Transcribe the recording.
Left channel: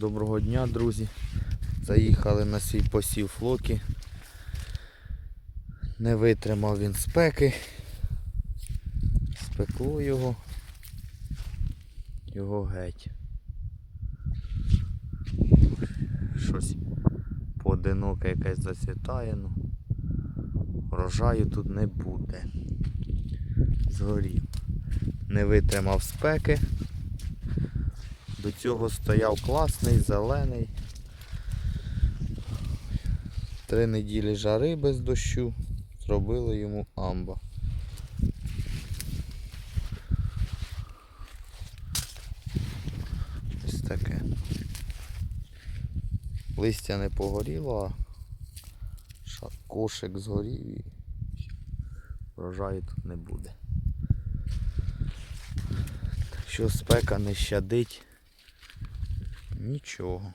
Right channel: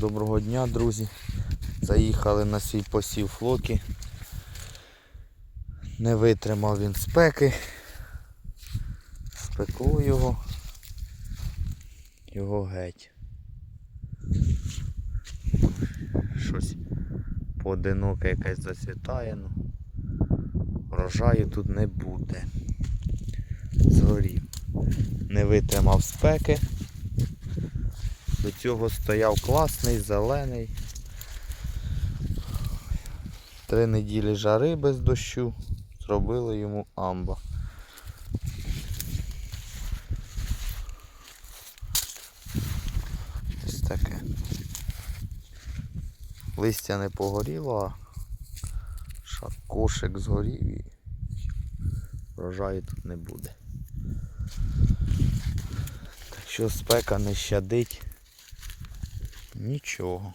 Доброго дня, друзі. Заїхали на свій посів флоки. Не витримав він спеки. Спекло його. Його геть. Щось поодиноке якесь зацвітає. Ну. Врожаю тут не буде. Згорів. Не витримав спеки. До цього стояв класний, зелений. Три неділі жари без дощу. Зробили йому амба. Ось таке. Листя не погоріло, а ша- кошик згорів і врожаю тут не буде. Так що спека не щадить. Нічого.